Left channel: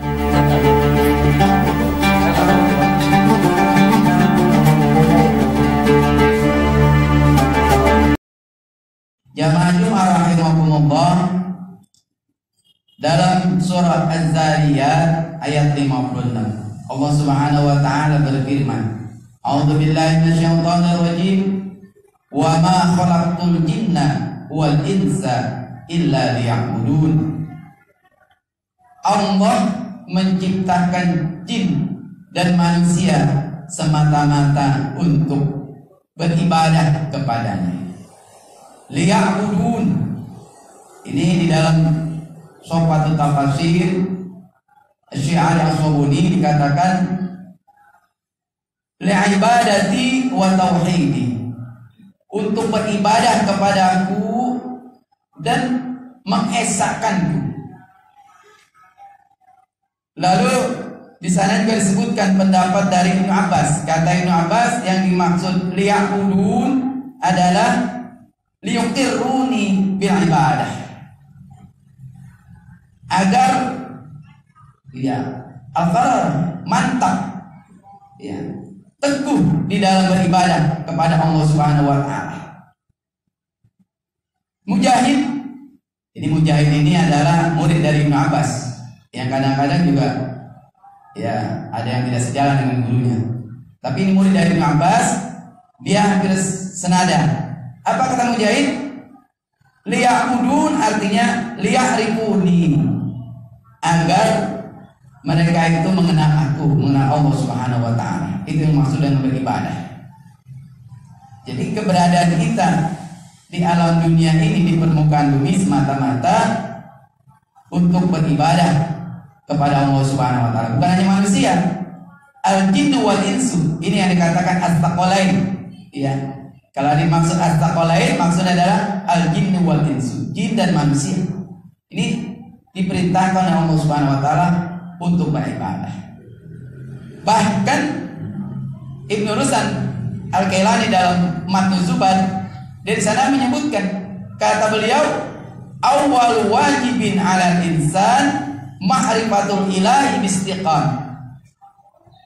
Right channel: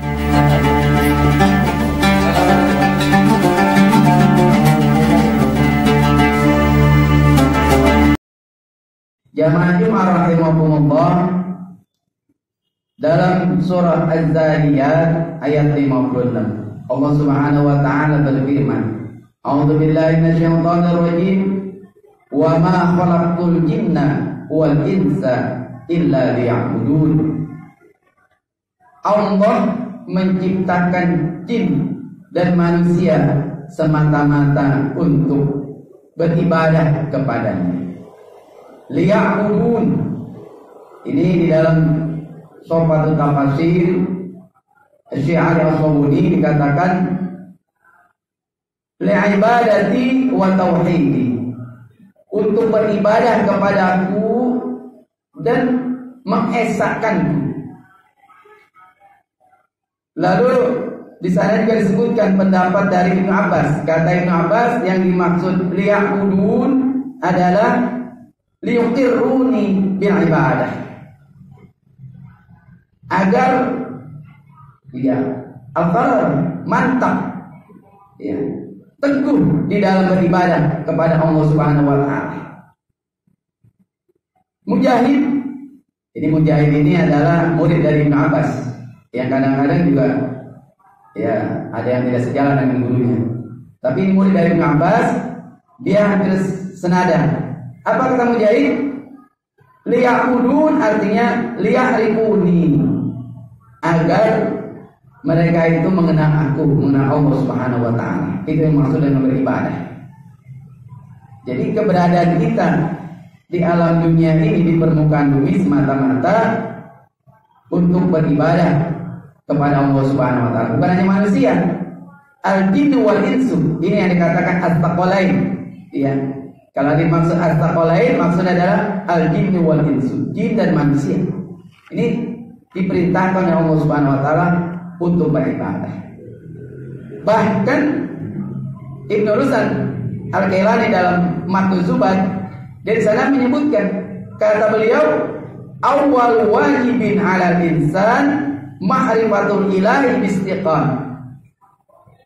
Jamaah Jumat rahimakumullah, dalam surah Az-Zariyat ayat 56 Allah Subhanahu wa taala berfirman, A'udzu billahi minasyaitonir rajim, wa ma khalaqtul jinna wal insa illa liya'budun. Allah menciptakan jin dan manusia semata-mata untuk beribadah kepadanya. Liya'budun, ini di dalam Sofatul Tafsir Syi'ari As-Sabuni dikatakan li'ibadati wa tauhidi, untuk beribadah kepadaku dan mengesahkanku. Lalu di sana juga disebutkan pendapat dari Ibnu Abbas. Kata Ibnu Abbas, yang dimaksud liya'budun adalah liyuqirruni bil ibadah, agar ya mantap ya teguh di dalam beribadah kepada Allah Subhanahu wa taala. Mujahid, jadi Mujahid ini adalah murid dari Ibnu Abbas yang kadang-kadang juga ya ada yang tidak sejalan dengan gurunya. Tapi ini murid dari Ibnu Abbas, dia hampir senada. Apa kata Mujahid? Liya'budun artinya liya'rifuni, agar mereka itu mengenal aku, mengenal Allah Subhanahu wa taala. Itu yang maksud dengan beribadah. Jadi keberadaan kita di alam dunia ini, di permukaan bumi, semata-mata untuk beribadah kepada Allah Subhanahu wa taala. Bukan hanya manusia, al-jinnu wal insu, ini yang dikatakan as-saqalain. Ya. Kalau dimaksud as-saqalain, maksudnya adalah al-jinnu wal insu, jin dan manusia. Ini diperintahkan oleh Allah Subhanahu wa taala untuk beribadah. Bahkan Ibnu Rusan Al-Kailani dalam Matnu Zubat, dia di sana menyebutkan, kata beliau, awwal wajibin 'alal insan ma'rifatul ilahi bistiqan.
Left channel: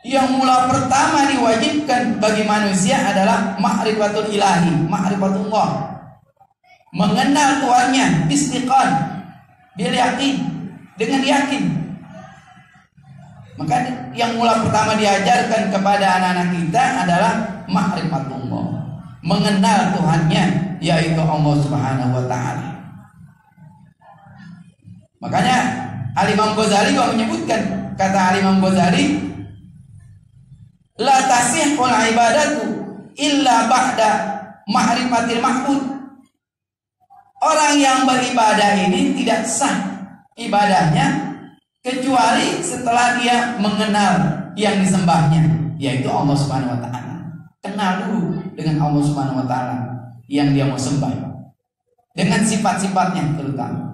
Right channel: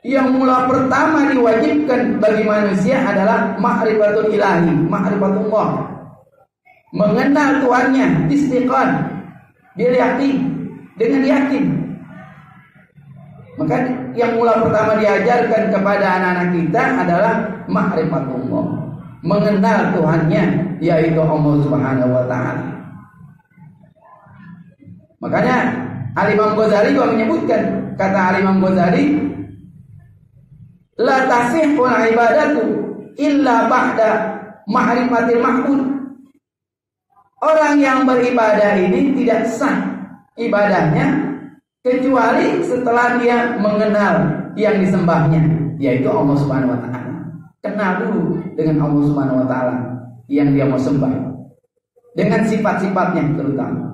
Yang mula pertama diwajibkan bagi manusia adalah ma'rifatul ilahi, ma'rifatullah, mengenal Tuhannya, bistiqan, dia yakin, dengan yakin. Maka yang mula pertama diajarkan kepada anak-anak kita adalah ma'rifatullah, mengenal Tuhannya, yaitu Allah Subhanahu wa taala. Makanya Al-Imam Ghazali juga menyebutkan, kata Al-Imam Ghazali, la tasihul ibadatu illa ba'da ma'rifatil ma'bud. Orang yang beribadah ini tidak sah ibadahnya kecuali setelah dia mengenal yang disembahnya, yaitu Allah Subhanahu wa taala. Kenal dulu dengan Allah Subhanahu wa taala yang dia mau sembah, dengan sifat-sifatnya terutama.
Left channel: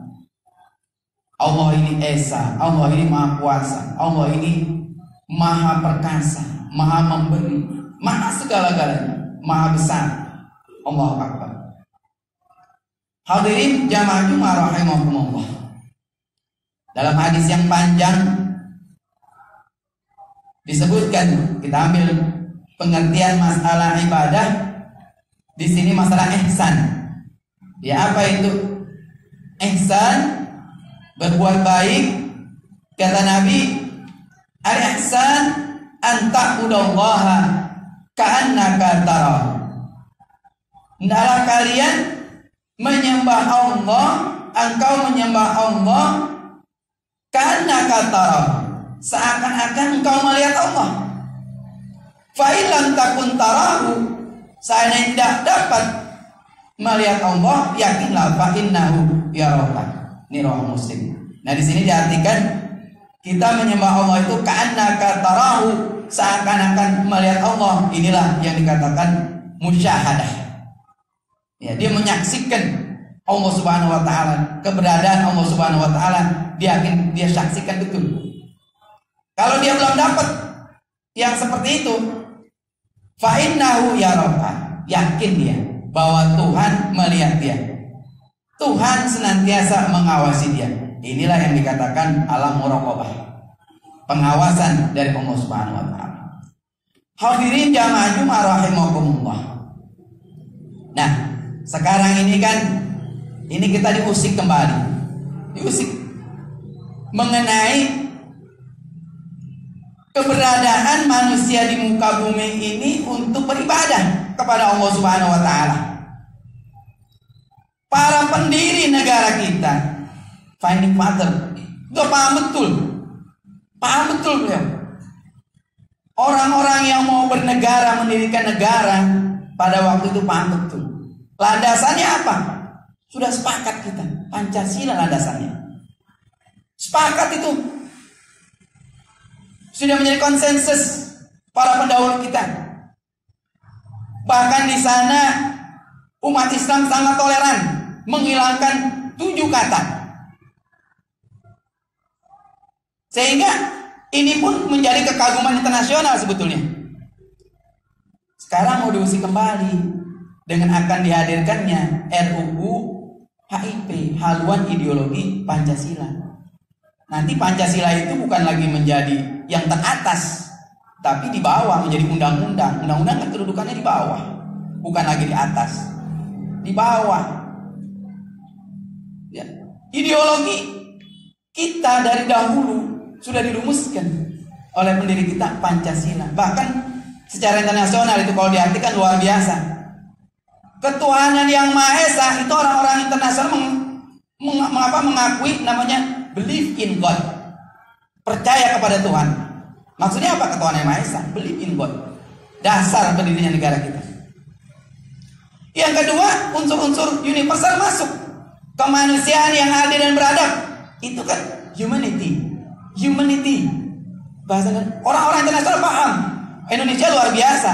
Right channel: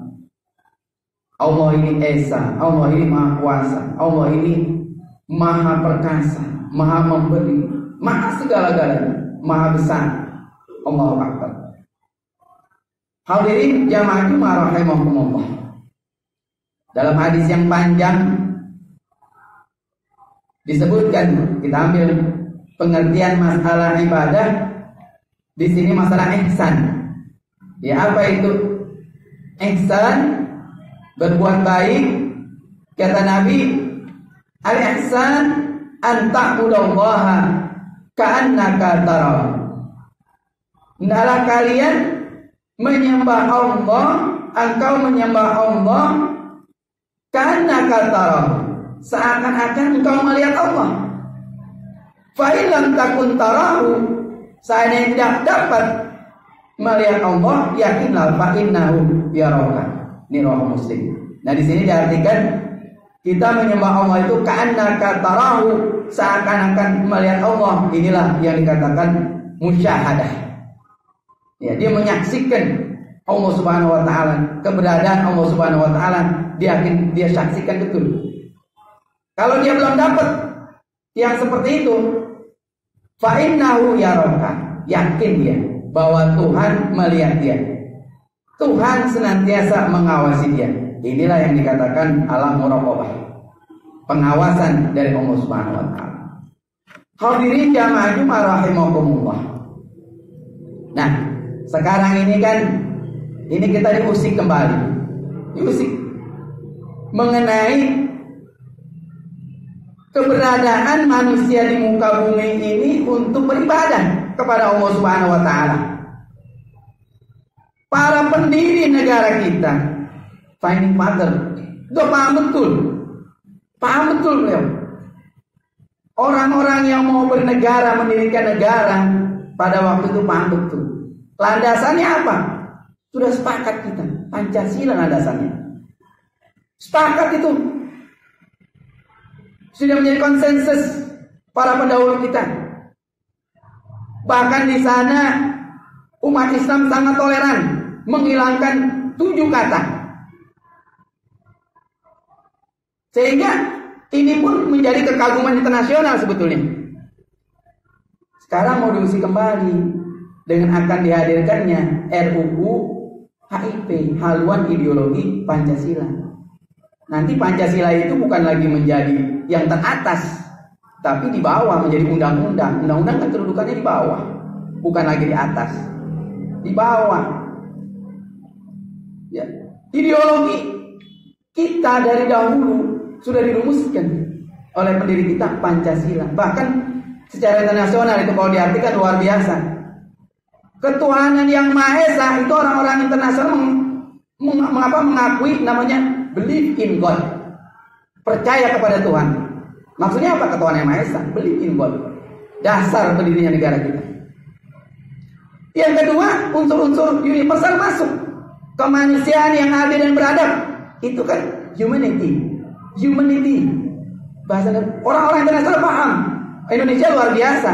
Allah ini Esa, Allah ini Maha Kuasa, Allah ini Maha Perkasa, Maha Memberi, Maha segala-galanya, Maha Besar. Allahu Akbar. Hadirin jamaah Jumat rahimakumullah, dalam hadis yang panjang disebutkan, kita ambil pengertian masalah ibadah di sini, masalah ihsan. Ya, apa itu ihsan? Berbuat baik. Kata Nabi, al-ihsan an ta'budallaha ka'annaka tarahu. Hendaklah kalian menyembah Allah, engkau menyembah Allah ka'annaka tarahu, seakan-akan engkau melihat Allah. Fa illam takun tarahu, seandainya tidak dapat melihat Allah, yakinlah fa innahu yaraka. Ini riwayat Muslim. Nah, di sini diartikan kita menyembah Allah itu ka'annaka tarahu, seakan-akan melihat Allah. Inilah yang dikatakan musyahadah. Ya, dia menyaksikan Allah Subhanahu wa taala, keberadaan Allah Subhanahu wa taala, dia saksikan betul. Kalau dia belum dapat yang seperti itu, fa innahu yaraka, yakin dia bahwa Tuhan melihat dia. Tuhan senantiasa mengawasi dia. Inilah yang dikatakan alam muraqabah. pengawasan dari Allah Subhanahu wa taala. Hadirin jamaah Jumat rahimakumullah. Nah, sekarang ini kan kita diusik kembali. Diusik mengenai keberadaan manusia di muka bumi ini untuk beribadah kepada Allah Subhanahu wa taala. Para pendiri negara kita, founding father, itu paham betul beliau. Orang-orang yang mau bernegara, mendirikan negara pada waktu itu paham betul. Landasannya apa? Sudah sepakat kita, Pancasila landasannya. Sepakat itu. Sudah menjadi konsensus para pendahulu kita. Bahkan di sana umat Islam sangat toleran menghilangkan 7 kata. Sehingga ini pun menjadi kekaguman internasional sebetulnya. Sekarang mau diuji kembali dengan akan dihadirkannya RUU HIP, haluan ideologi Pancasila. Nanti Pancasila itu bukan lagi menjadi yang teratas, tapi di bawah menjadi undang-undang. Undang-undang kan kedudukannya di bawah, bukan lagi di atas, di bawah. Ya. Ideologi kita dari dahulu sudah dirumuskan oleh pendiri kita, Pancasila. Bahkan secara internasional itu kalau diartikan luar biasa. Ketuhanan yang Maha Esa itu orang-orang internasional mengakui namanya believe in God. Percaya kepada Tuhan. Maksudnya apa ketuhanan yang Maha Esa? Believe in God. Dasar pendirinya negara kita. Yang kedua, unsur-unsur universal masuk. Kemanusiaan yang adil dan beradab. Itu kan humanity. Bahasa orang-orang internasional paham. Indonesia luar biasa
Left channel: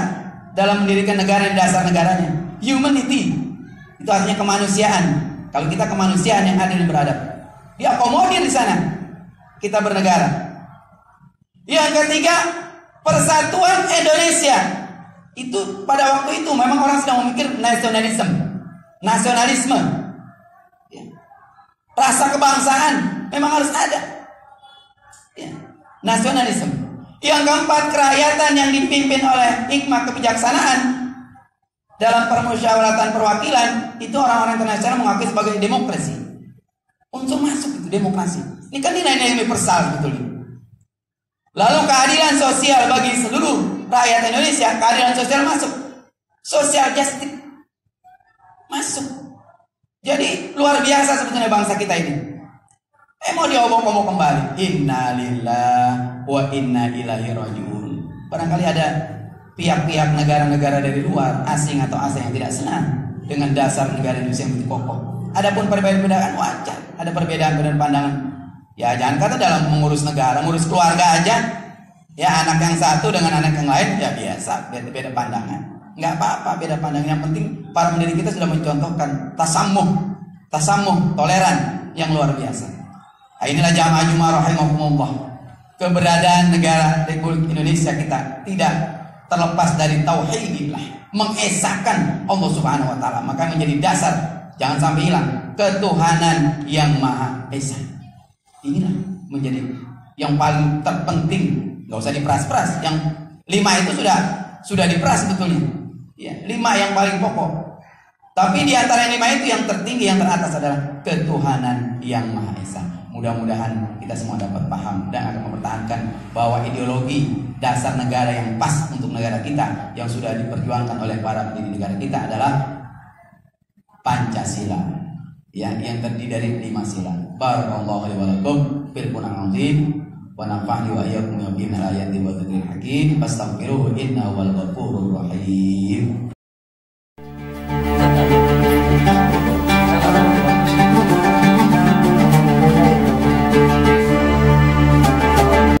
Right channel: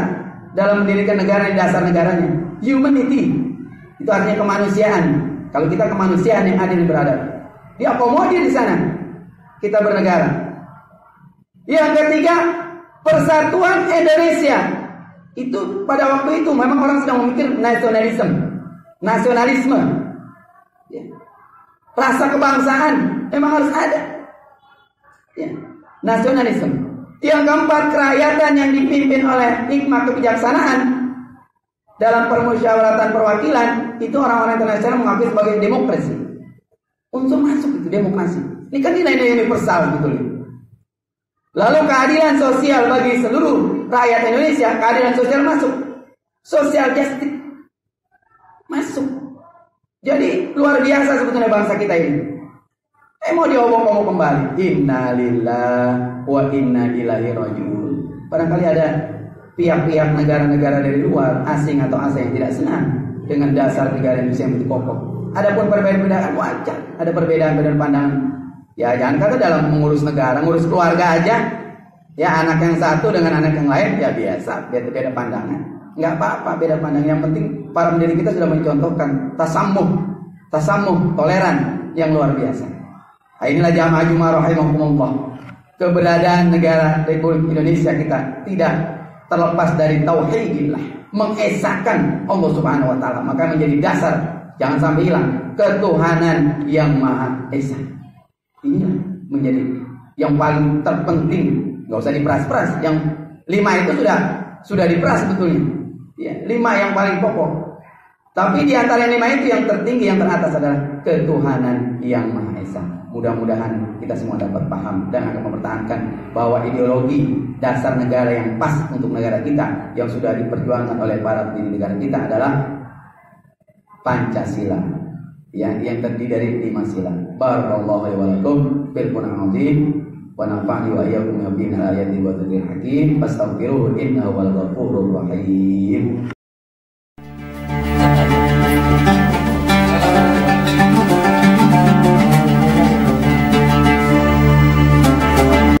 dalam mendirikan negara yang dasar negaranya. Humanity itu artinya kemanusiaan. Kalau kita kemanusiaan yang adil dan beradab, diakomodir di sana kita bernegara. Yang ketiga, persatuan Indonesia. Itu pada waktu itu memang orang sedang memikir nasionalisme, ya. Rasa kebangsaan memang harus ada. Ya, nasionalisme. Yang keempat, kerakyatan yang dipimpin oleh hikmah kebijaksanaan dalam permusyawaratan perwakilan. Itu orang-orang internasional mengakui sebagai demokrasi. Unsur masuk itu demokrasi. Ini kan nilai-nilai universal sebetulnya. Lalu keadilan sosial bagi seluruh rakyat Indonesia. Keadilan sosial masuk. Social justice masuk. Jadi luar biasa sebetulnya bangsa kita ini. Mau diobok-obok kembali. Inna lillahi wa inna ilaihi rajiun. Barangkali ada pihak-pihak negara-negara dari luar, asing atau asing yang tidak senang dengan dasar negara Indonesia yang begitu kokoh. Adapun perbedaan wajar, ada perbedaan pandangan. Ya jangan kata dalam mengurus negara, ngurus keluarga aja. Ya anak yang satu dengan anak yang lain ya biasa, beda pandangan. Nggak apa-apa beda pandangan. Yang penting para pendiri kita sudah mencontohkan tasamuh, toleran yang luar biasa. Nah, inilah jamaah Jumat rahimakumullah. Keberadaan negara Republik Indonesia kita tidak terlepas dari tauhidillah, mengesahkan Allah Subhanahu wa taala. Maka menjadi dasar, jangan sampai hilang, ketuhanan yang Maha Esa. Inilah menjadi yang paling terpenting. Nggak usah diperas-peras. Yang 5 itu sudah diperas sebetulnya. Ya, 5 yang paling pokok. Tapi di antara 5 itu yang tertinggi, yang teratas adalah ketuhanan yang Maha Esa. Mudah-mudahan kita semua dapat paham dan akan mempertahankan bahwa ideologi dasar negara yang pas untuk negara kita yang sudah diperjuangkan oleh para pendiri negara kita adalah Pancasila, ya, yang terdiri dari 5 sila. Barakallahu alaihi wa lakum bil Qur'anil azim wa nafa'ni wa iyyakum bi ayati wa dhikril hakim. Fastaghfiruhu innahu wal ghafurur rahim.